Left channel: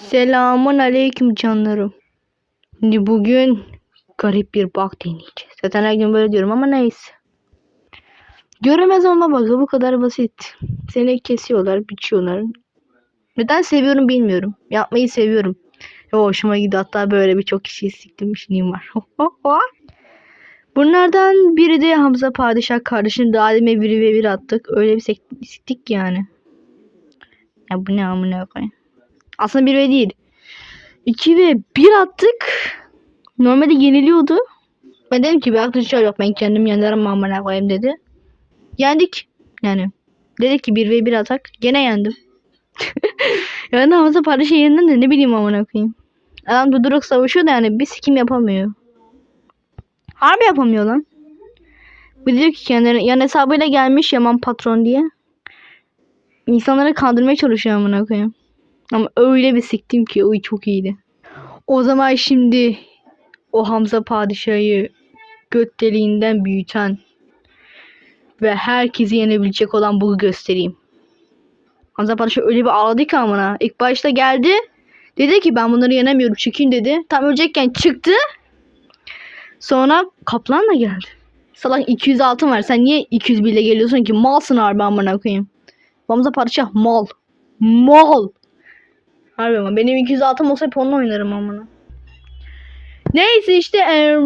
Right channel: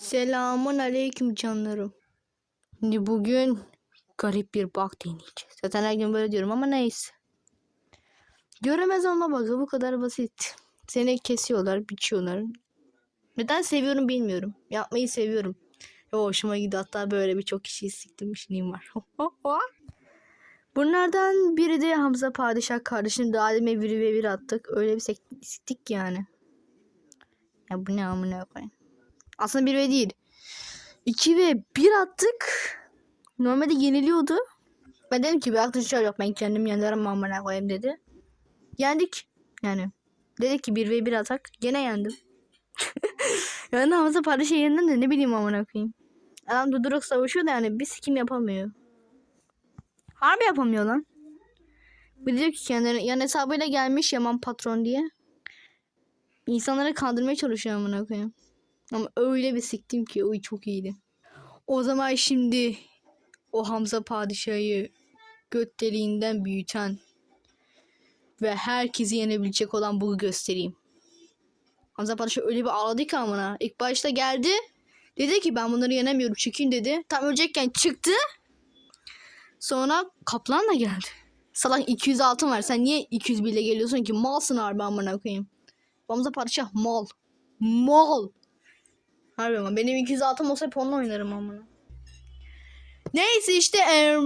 Selamun aleyküm canlarım. Şimdi bugün garip bir bug deneyeceğiz. Zaten her gün böyle diyorum ama neyse. Göremez olma bug'ı bu kadar basit. Seni kesiyorlar, biçiyorlar. Neden seviyorum bilmiyorum. Yapmayı seviyorum. Ve hoşuma gidiyor. Hatta böyle birçok kişiyi siktirmişliğim var. Bunlardan biri de Hamza Padişah kardeşim. Daha demin biri ve bir attık. Öyle bir siktik yani. Ya bu ne amına koyayım. Aslında 1 ve değil. 2 ve 1 attık. Normalde yeniliyordu. Ben dedim ki bir arkadaşlar yok ben kendim yenerim amına koyayım dedi. Yendik. Yani. Dedik ki 1 ve 1 atak. Gene yendim. yani Hamza Padişah yerinden de ne bileyim amına koyayım. Adam duduruk savaşıyor da yani bir sikim yapamıyor. Harbi yapamıyor lan. Bir diyor ki kendine yan hesabıyla gelmiş Yaman patron diye. İnsanları kandırmaya çalışıyor amına koyayım. Ama öyle bir siktim ki o çok iyiydi. O zaman şimdi o Hamza Padişah'ı göt deliğinden büyüten ve herkesi yenebilecek olan bunu göstereyim. Hamza Padişah öyle bir ağladı ki amına. İlk başta geldi. Dedi ki ben bunları yenemiyorum çıkayım dedi. Tam ölecekken çıktı. Sonra kaplan da geldi. Salak 200 altın var. Sen niye 201 ile geliyorsun ki? Malsın harbi amına koyayım. Hamza Padişah mal. Mal. Harbi ama benim 200 altım olsa hep onunla oynarım amına. Neyse işte e,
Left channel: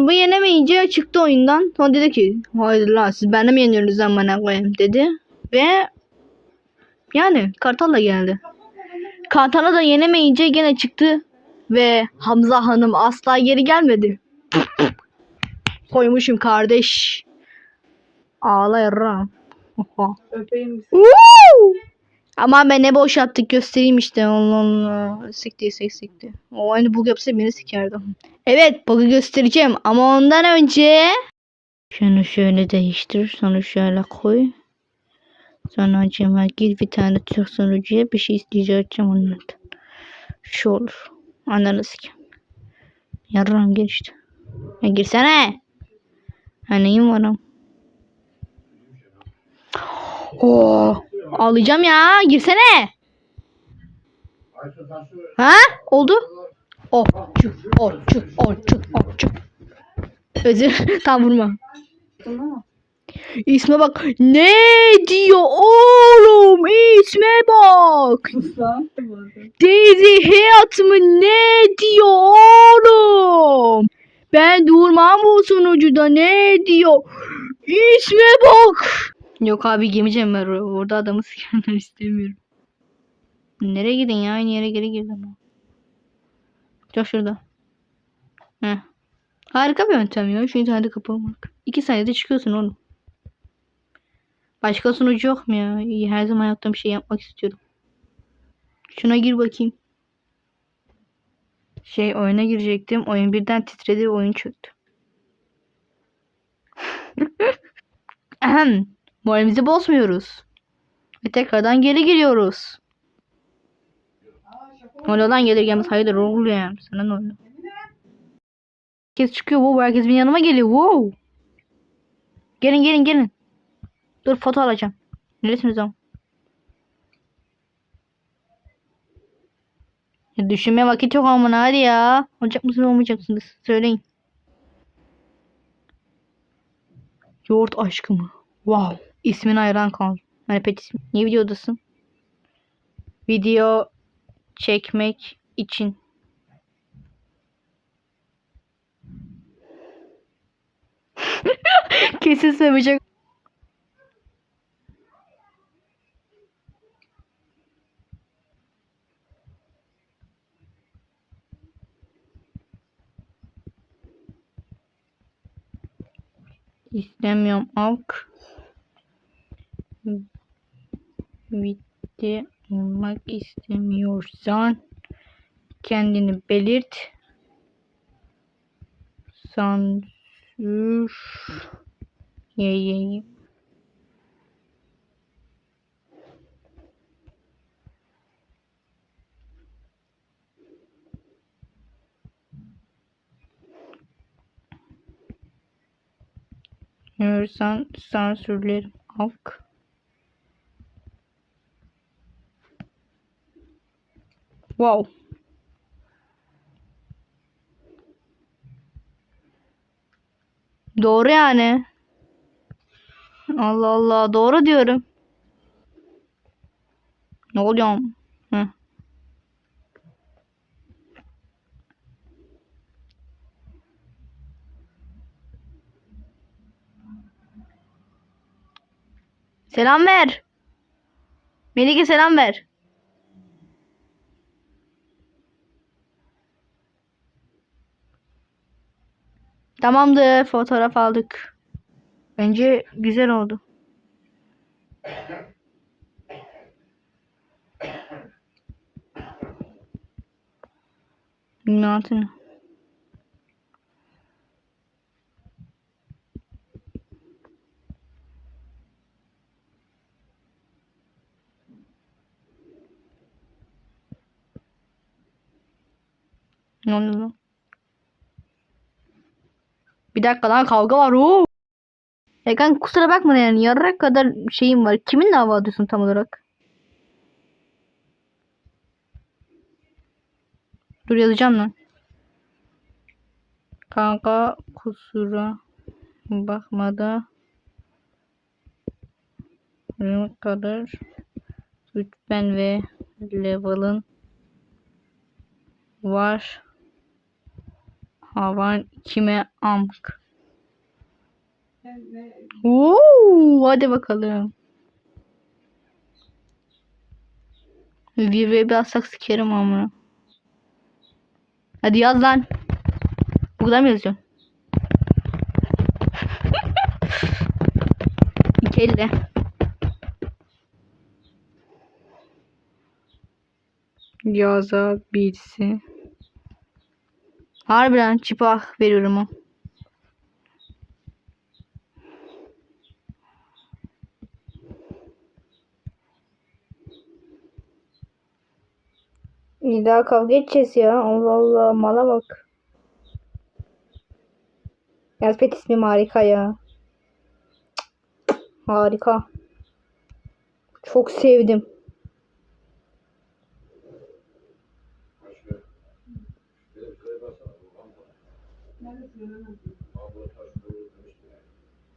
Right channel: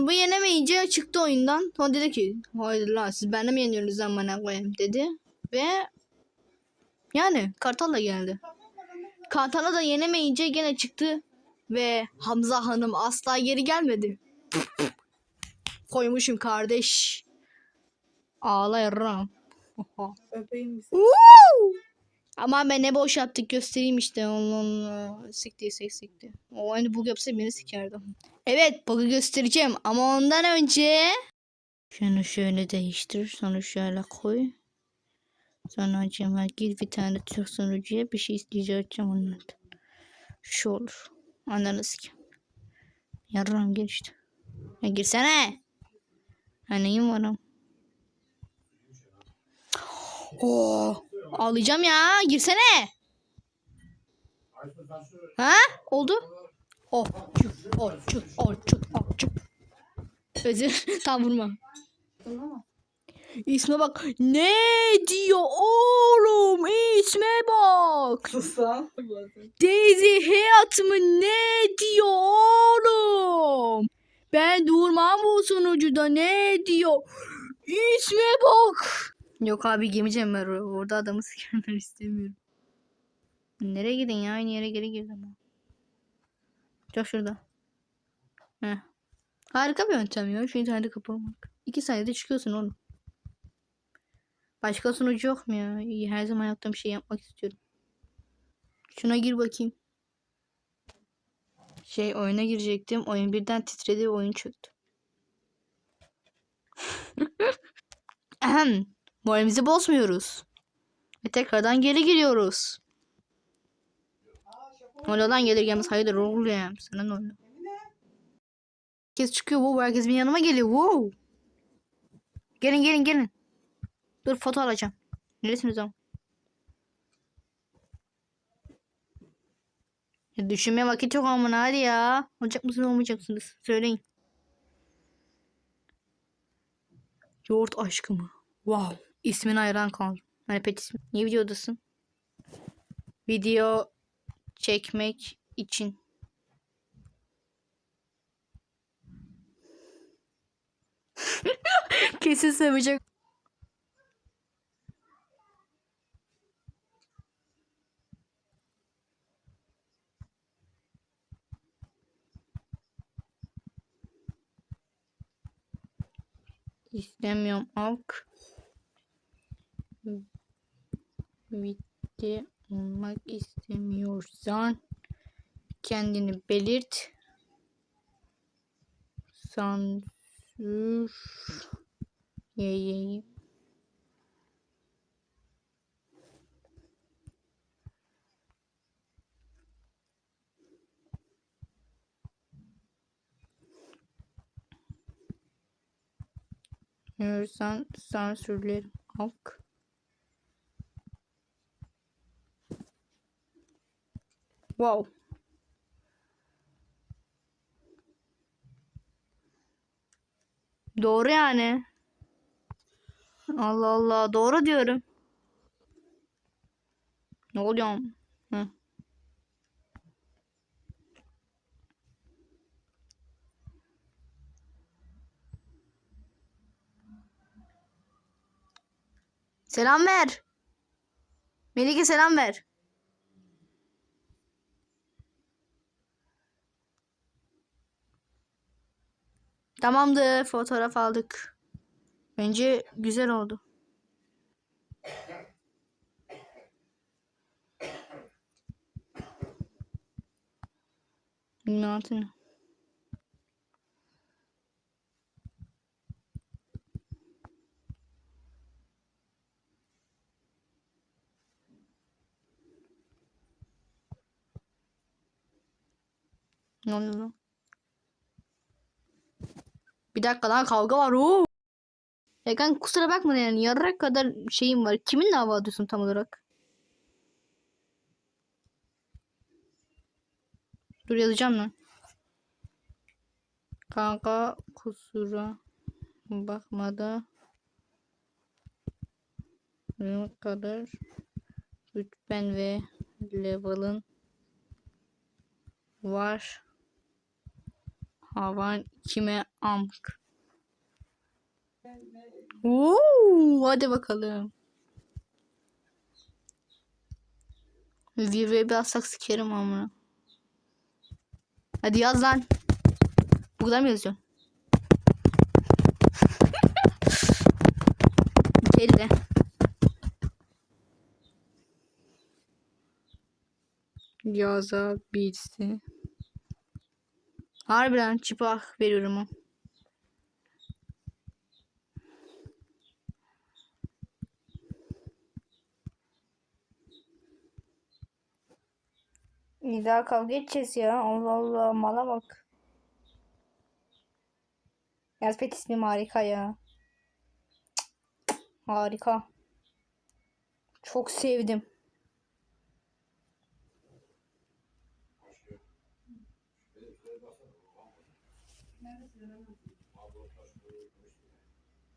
bu yenemeyince çıktı oyundan. Sonra dedi ki hayır lan siz bende mi yeniyorsunuz amına koyayım dedi. Ve yani Kartal'la geldi. Kartal'a da yenemeyince gene çıktı. Ve Hamza Hanım asla geri gelmedi. Koymuşum kardeş. Ağla yarram. Öpeyim! Ama ben ne boş yaptık göstereyim işte. Allah Allah. Sikti sik sikti. O aynı bug yapsa beni sikerdi. Evet bug'ı göstereceğim ama ondan önce şunu şöyle değiştir. Sonra şöyle koy. Sonra acaba gir bir tane Türk sunucuya bir şey isteyeceğim onlardan. Şu olur. Ananı sikeyim. Yarram gir işte. Ya girsene. Ha neyim varım. Oo. Ağlayacağım ya. Girsene. Ha? Oldu. Çık. Oh. Çık. Oh. Çık. Oh. Çık. Özür. Tam vurma. İsme bak. Ne diyor oğlum? İsme bak. Daisy Hayat mı ne diyor oğlum? Ben durmam bu sunucuda ne diyor? İsme bak. Yok abi gemeceğim ben or- orada adamı sikerler istemiyorum. Nereye gidin ya? Aynı yere geri girdim. Çok şurada. Heh. Harika bir yöntem ya. Şu internete kapamak. İki saniyede çıkıyorsun oğlum. Başka sunucu yok mu ya? Her zaman yaptığım şey yapmak istiyorum. Şuna gir bakayım. Şey oyuna girecektim. Oyun birden titredi. Oyun çöktü. Ahem. Moralimizi bozmuyoruz. Ve tekrardan geri giriyoruz. Lan gelir gelmez hayırdır oluyor. Sana ne oluyor? Herkes çıkıyor. Wow, herkes benim yanıma geliyor. Wow. Gelin gelin gelin. Dur foto alacağım. Neresiniz ama? Ya düşünmeye vakit yok amına hadi ya. Olacak mısınız olmayacaksınız? Söyleyin. Yoğurt aşkı mı? Wow. İsmine hayran kaldım. Hani pet. Niye videodasın? Video çekmek için. Kesin sevecek. İstemiyorum alk. Bitti olmak istemiyorsan kendini belirt. Sansür yayayım. Görürsen sansürlerim. Halk. Wow. Doğru yani. Allah Allah doğru diyorum. Ne oluyor? Hı. Selam ver. Melike selam ver. Tamamdır. Fotoğraf aldık. Bence güzel oldu. Bilmiyorum ne? Ne oldu lan? Bir dakika lan kavga var. Oo. Ya kanka kusura bakma yani yarrak kadar şeyim var. Kiminle hava atıyorsun tam olarak? Dur yazacağım lan. Kanka kusura bakma da ne kadar rütben ve level'ın var. Havan kime amk. Oo, hadi bakalım. Zirveye bir atsak sikerim amına. Hadi yaz lan. Bu kadar mı yazıyorsun? İki elle. Yazabilirsin. Harbiden çipak veriyorum o. Bir daha kavga edeceğiz ya. Allah Allah mala bak. Yaz pet ismim harika ya. Harika. Çok sevdim. Neresi bilemezdim.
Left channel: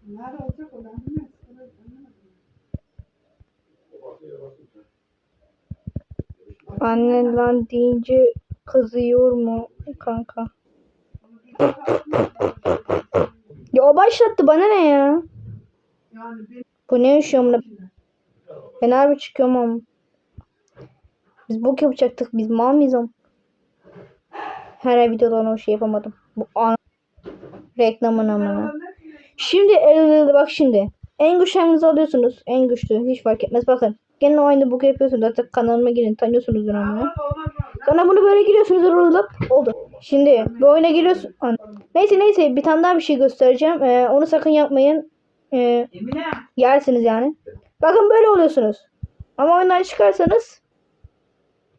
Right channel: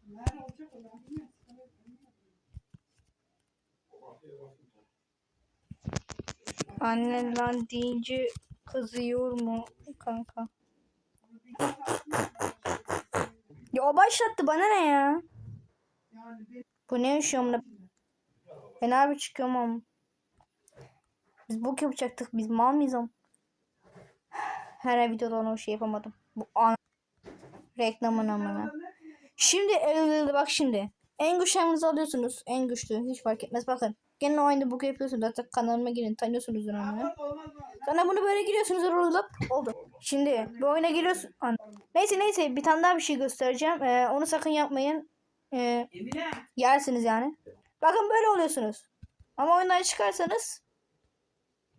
Nerede olacak o ben bilmiyorum. Sana bilemedim. Annen lan deyince kızıyor mu kanka? Ya o başlattı bana ne ya? Bu ne yaşıyorum lan? Ben harbi çıkıyorum ama. Biz bok yapacaktık. Biz mal mıyız oğlum? Her videodan o şey yapamadım. Bu an reklamın amına. Şimdi bak şimdi. En güçlü alıyorsunuz. En güçlü. Hiç fark etmez. Bakın. Gene aynı boku yapıyorsunuz. Zaten kanalıma girin. Tanıyorsunuz amına. Sonra bunu böyle giriyorsunuz. Rulup oldu. Şimdi bu oyuna giriyorsun. Neyse neyse bir tane daha bir şey göstereceğim. Ee, onu sakın yapmayın. Ee, yersiniz yani. Bakın böyle oluyorsunuz. Ama oyundan çıkarsanız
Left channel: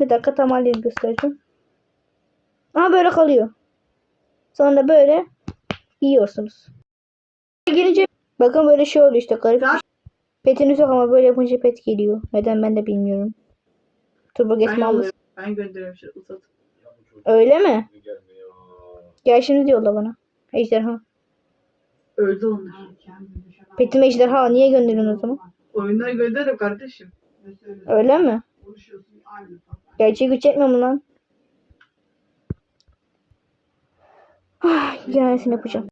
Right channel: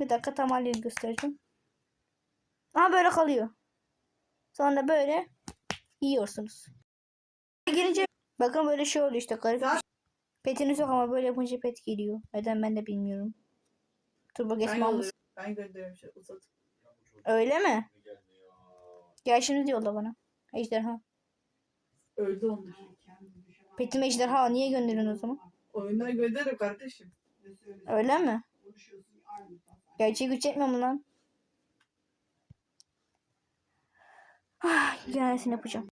bir dakika tam halini göstereceğim. Aha böyle kalıyor. Sonra böyle yiyorsunuz. Gelince bakın böyle şey oluyor işte garip. Petiniz yok ama böyle yapınca pet geliyor. Neden ben de bilmiyorum. Turbo Ben geçme almış. Ben gönderiyorum şu uzat. Öyle mi? Gel şimdi diyorlar bana. Ejderha. Öldü onlar. Petim ejderha niye gönderiyorsun o zaman? Oyunları gönderirim kardeşim. Öyle mi? Gerçeği güç etmiyor mu lan? Ah, tanesini yapacağım.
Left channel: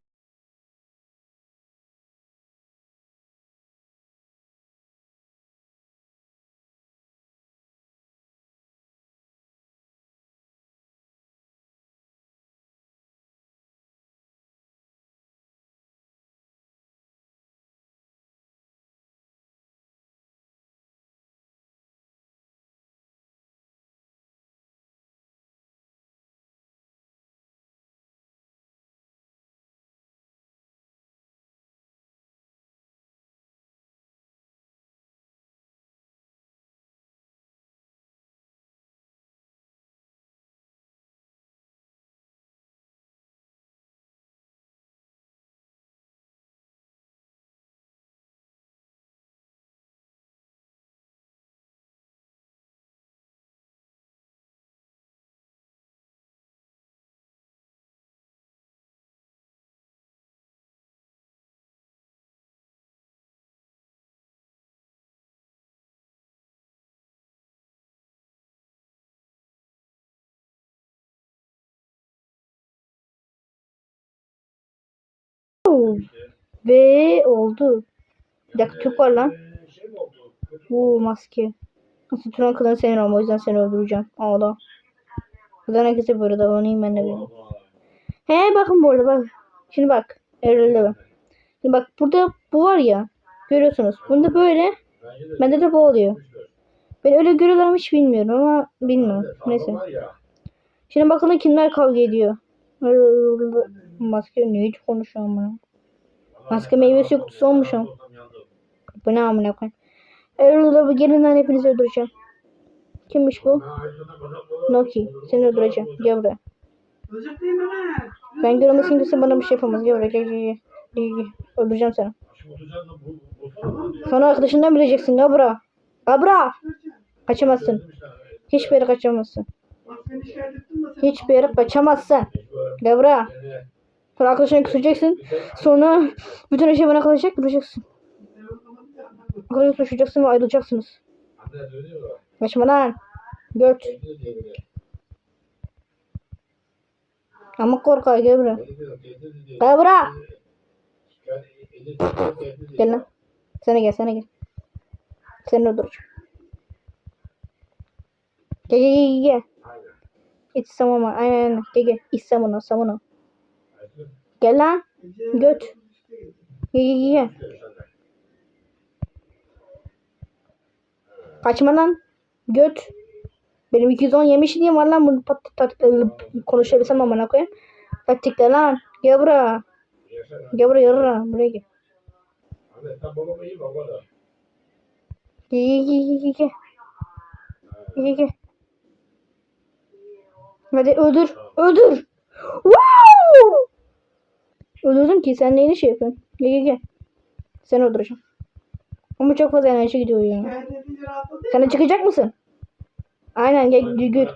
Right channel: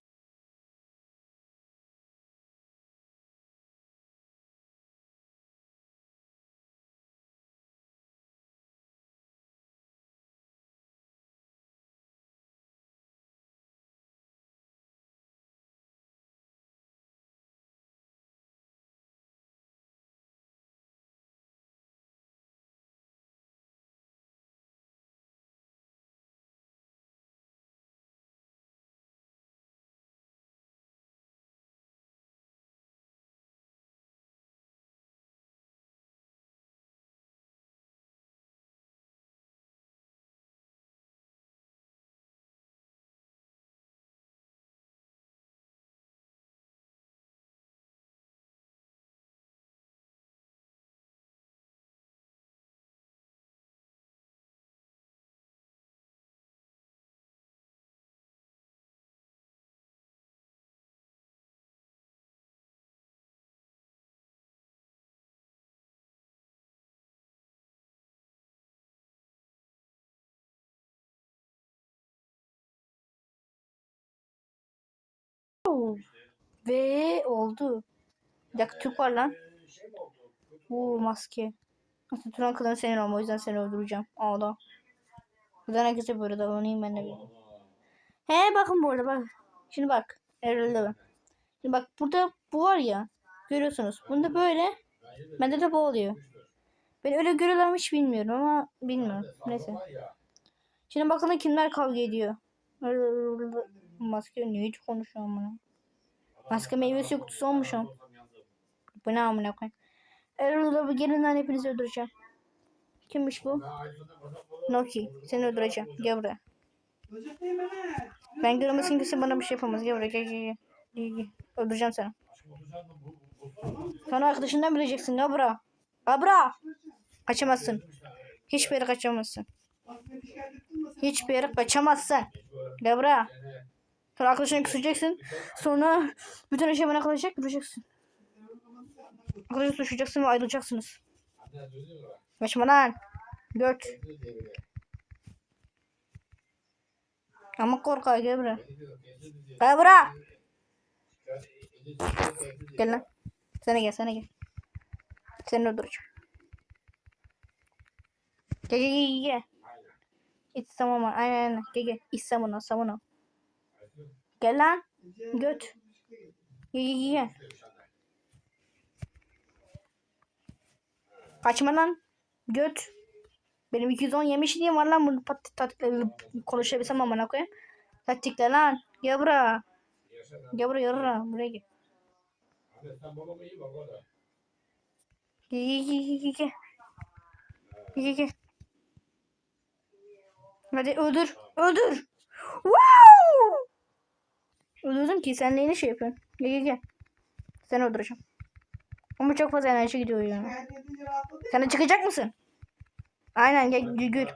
Wow. Ve oldu. Bir dakika Türk var lan. Oo maske. Nasıl Turan kılığını sevmiyorum o yüzden seni öldüreceğim. Ağla. Buradan herkese böyle davranayım ben de böyle. He bakın bu arada bak. Şimdi bak. Erol'de bak. Şimdi bak burada bu var ya. Görüyorsunuz. Bunda böyle. Bende de bu oluyor. Ben öyle görüyorlar hiç bilmiyorum ama bilmiyorum. Neyse. Şimdi bakalım kimler kavga ediyor. Maske ne hiç konuşuyorum bunu. Maske meyvesi kutusu olmuşum. Bu ne amına koyayım. Erol'da bu gelin lan hepinizi öldüreceğim. Kimmiş bu? Noki. Seni öldüreceğim. Gel buraya. Ben görmesin kimse bana bir şey yapamaz. Gel buraya gel gel gel. Öldüreceğim seni. Sonra arkadaşından bileceksin. Gel buraya. Gel buraya. Kaçamazsın. Hiçbir yere kaçamazsın. Hiçbir yere kaçamazsın. Gel buraya. Sonra arkadaşına küseceksin. Sonra bütün her şey bana kalacak. Bileceksin. Arkadaşını suçlayacaksın ve ayrılacaksınız. Kaçma lan. Göt. Ama korkak gel buraya. Gel buraya. Gel lan. Sana gel sana gel. Seni öldüreceğim. Gel gel gel gel. İç samama. Aynen aynen. Gel gel. İç samana samana. Gel lan. Göt. Gel gel gel. Kaçma lan. Göt. Benim 210 yemişliğim var lan bunu pat pat konuşabilsem amına koyayım. Taktikler lan. Gel buraya. Gel buraya yarra. Buraya gel gel gel gel. Gel gel gel. Hadi öldür. Öldür. Wow! Öldürdüm ki sen neyini şey yapıyorsun? Gel gel gel. Seni öldüreceğim. Ama çok fazla enerji gidiyor ya. Sen de çıkacak mısın? Aynen gel gül gül.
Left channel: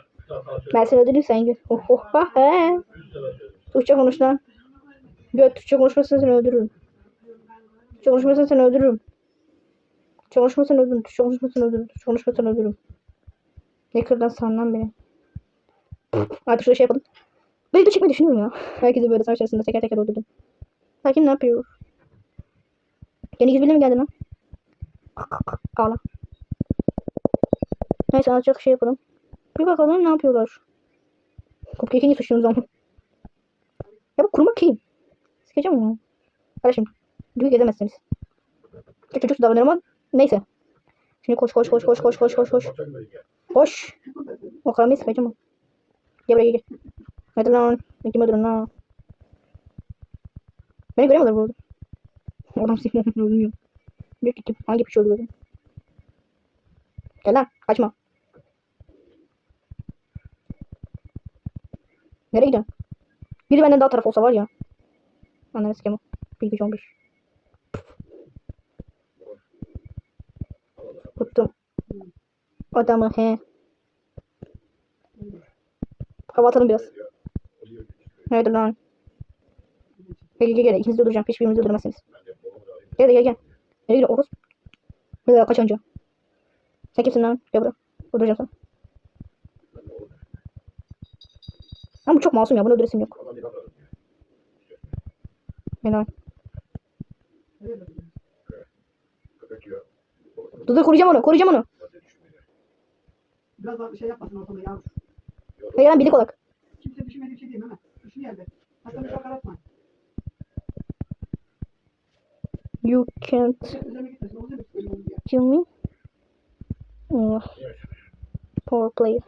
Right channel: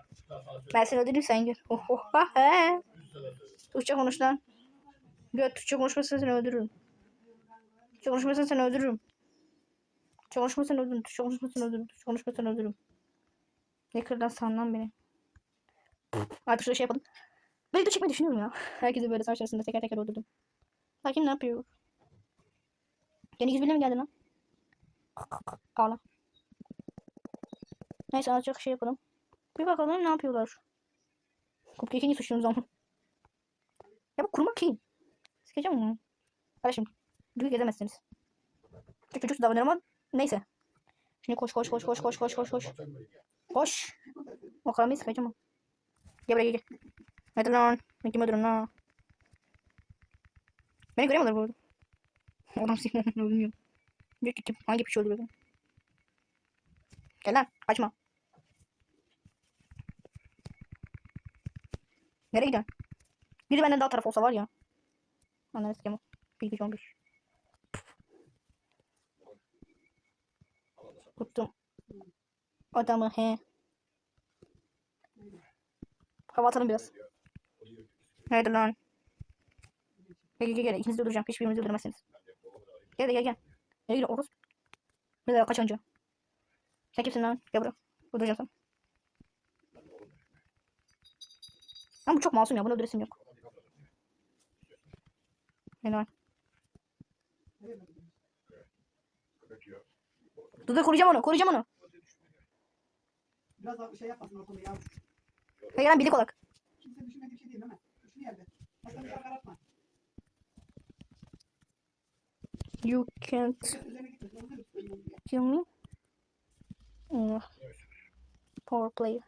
Ben seni öldüreyim sen gül. Oh oh ha he. Türkçe konuş lan. Göt Türkçe konuşmasını seni öldürürüm. Türkçe konuşmasını seni öldürürüm. Türkçe konuşmasını öldürürüm. Türkçe konuşmasını öldürürüm. Türkçe konuşmasını öldürürüm. Ne kırdan sandan beni. Artık şöyle şey yapalım. Ben de çıkmayı düşünüyorum ya. Herkesi böyle savaş arasında teker teker öldürdüm. Hakim ne yapıyor? Yeni gizli mi geldi lan? Ağla. Neyse azıcık şey yapalım. Bir bakalım ne yapıyorlar. Cupcake'i niye suçluyorsunuz ama? Ya bu kurma kim? Sikeceğim onu. Kardeşim. Büyük edemezsiniz. Çok çocuk davranıyorum ama neyse. Şimdi koş koş koş koş koş koş koş koş. Koş. O karamayı sıkacağım. Gel buraya gel. Hadi lan. Ben kim öldürün lan. Beni göremiyorlar bu arada. Adam seni öldürmüyor. Diyor ki kim? Hangi piç öldürüyor beni? Gel lan. Kaçma. Nereye gidiyorsun? Biri benden daha taraf olsa var ya. Ananı sikeyim. Bir on beş. Tuttum. Adamı he. Hava atalım biraz. Haydi lan. Gel gel gel. İkinizi öldüreceğim. Hiçbirimizi öldüremezsiniz. Gel gel gel. Nereye gidiyor Oruz? Bir daha kaç önce. Sen kimsin lan? Gel buraya. Öldüreceğim seni. Ama bu çok masum ya. Bunu öldüresim yok. Helal. Dur dur koruyacağım onu. Koruyacağım onu. Biraz daha bir şey yapmasın ortalığı ya. Hayır lan birlik olarak. Kimse düşünmediği bir şey değil Mehmet geldi. Hasan uçağı karartma. You can't şey şey kill me. Oh. Power play.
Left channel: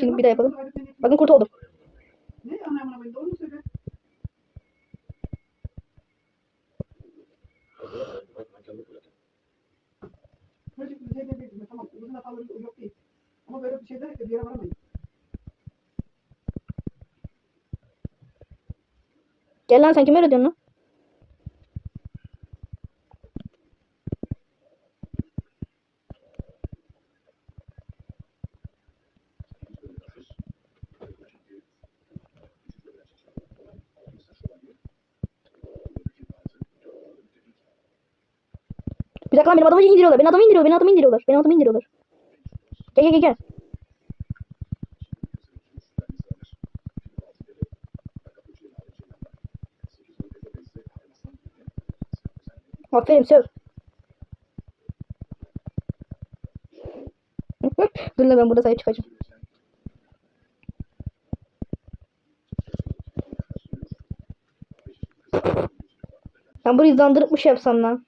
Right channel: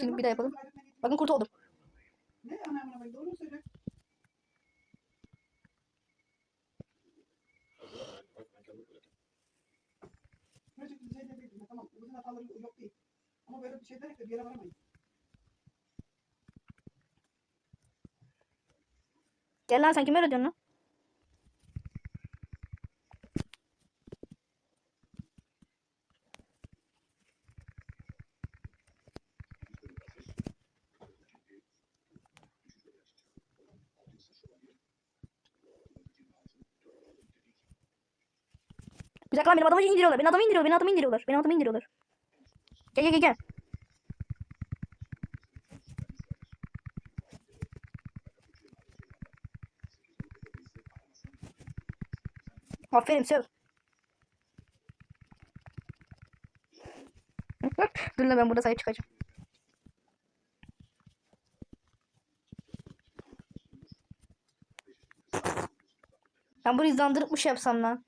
Şimdi bir daha yapalım. Bakın kurt oldum. Ne? Ana amına doğru söylüyor. Böyle bir şey de tamam uzun hataları yok değil. Ama böyle bir şey derek de bir yere varamayız. Gel lan sen kime öyle diyorsun lan? Bir dakika lan benim adamı indiriyorlar. Benim adamı indiriyor. Benim adamı indiriyorlar. Benim adamı indiriyorlar. Gel gel gel gel. Aferin söv. Dur lan ben burada sahip çıkacağım. Ben bunu hızlandırıp mı şey yapsam lan?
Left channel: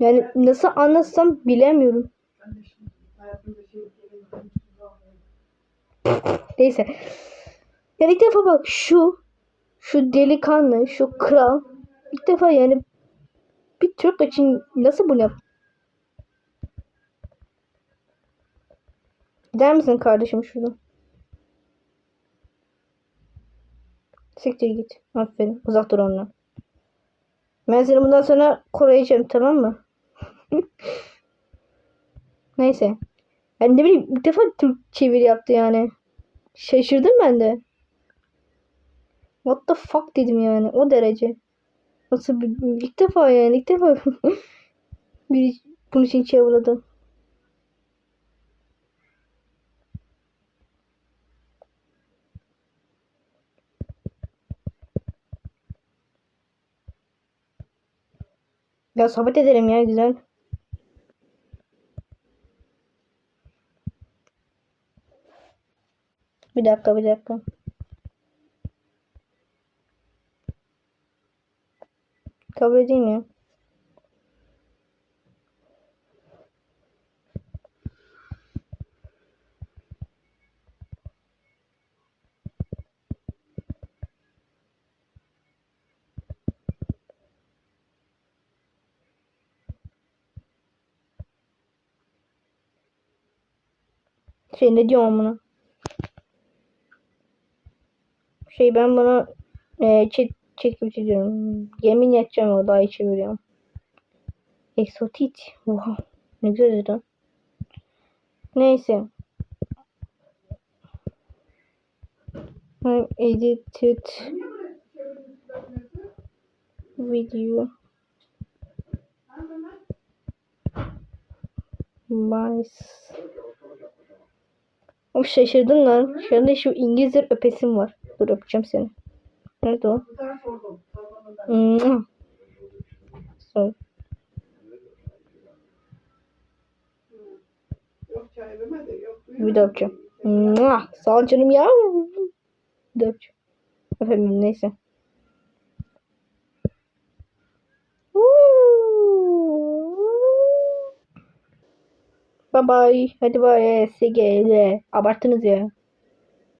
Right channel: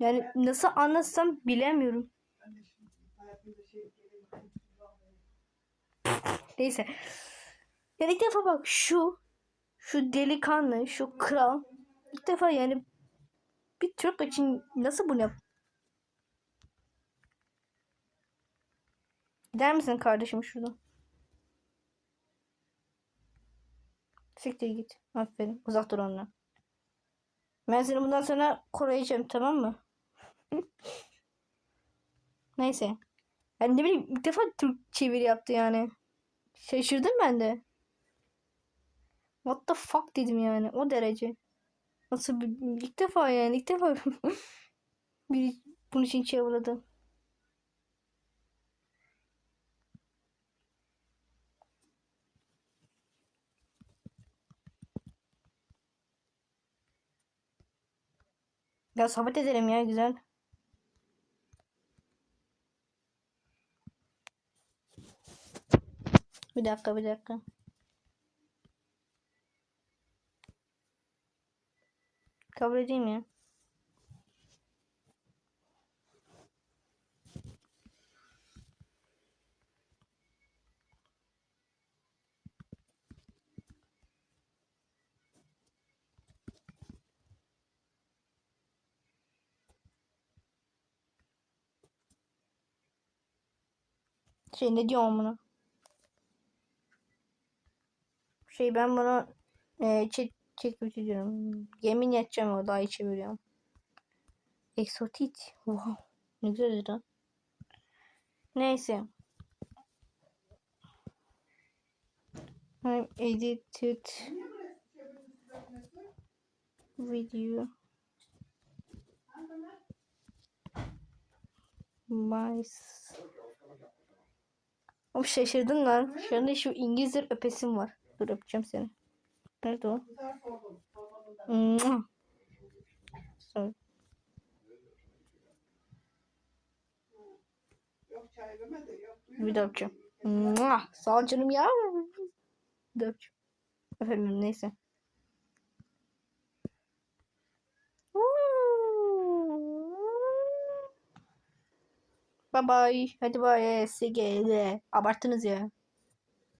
Yani nasıl anlatsam bilemiyorum. Neyse. Yani ilk defa bak şu şu delikanlı, şu kral ilk defa yani bir Türk için nasıl bunu yap? Gider misin kardeşim şuradan? Siktir git. Aferin. Uzak dur ondan. Ben seni bundan sonra koruyacağım tamam mı? Neyse. Ben ne bileyim ilk defa Türk çeviri yaptı yani. Şaşırdım ben de. What the fuck dedim yani o derece. Nasıl bir, ilk defa yani ilk defa biri bunun için çevirdi. Ya sohbet edelim ya güzel. Bir dakika bir dakika. Kabul edeyim ya. Şey ne diyorum buna? Şey ben bana e, chat gibi diyorum. Yemin edeceğim o daha çeviriyorum. Exotit. Wow. Ne güzel lan. Neyse. I'm edited video my Oğlum şaşırdın lan. Şu anda şu İngilizce öpesim var. Dur öpeceğim seni. Nerede o? Yok. Bir daha öpeceğim. Sağ ol canım ya. Bir daha öpeceğim. Öpemem neyse. Bye bye. Hadi bye. SGL. Abarttınız ya.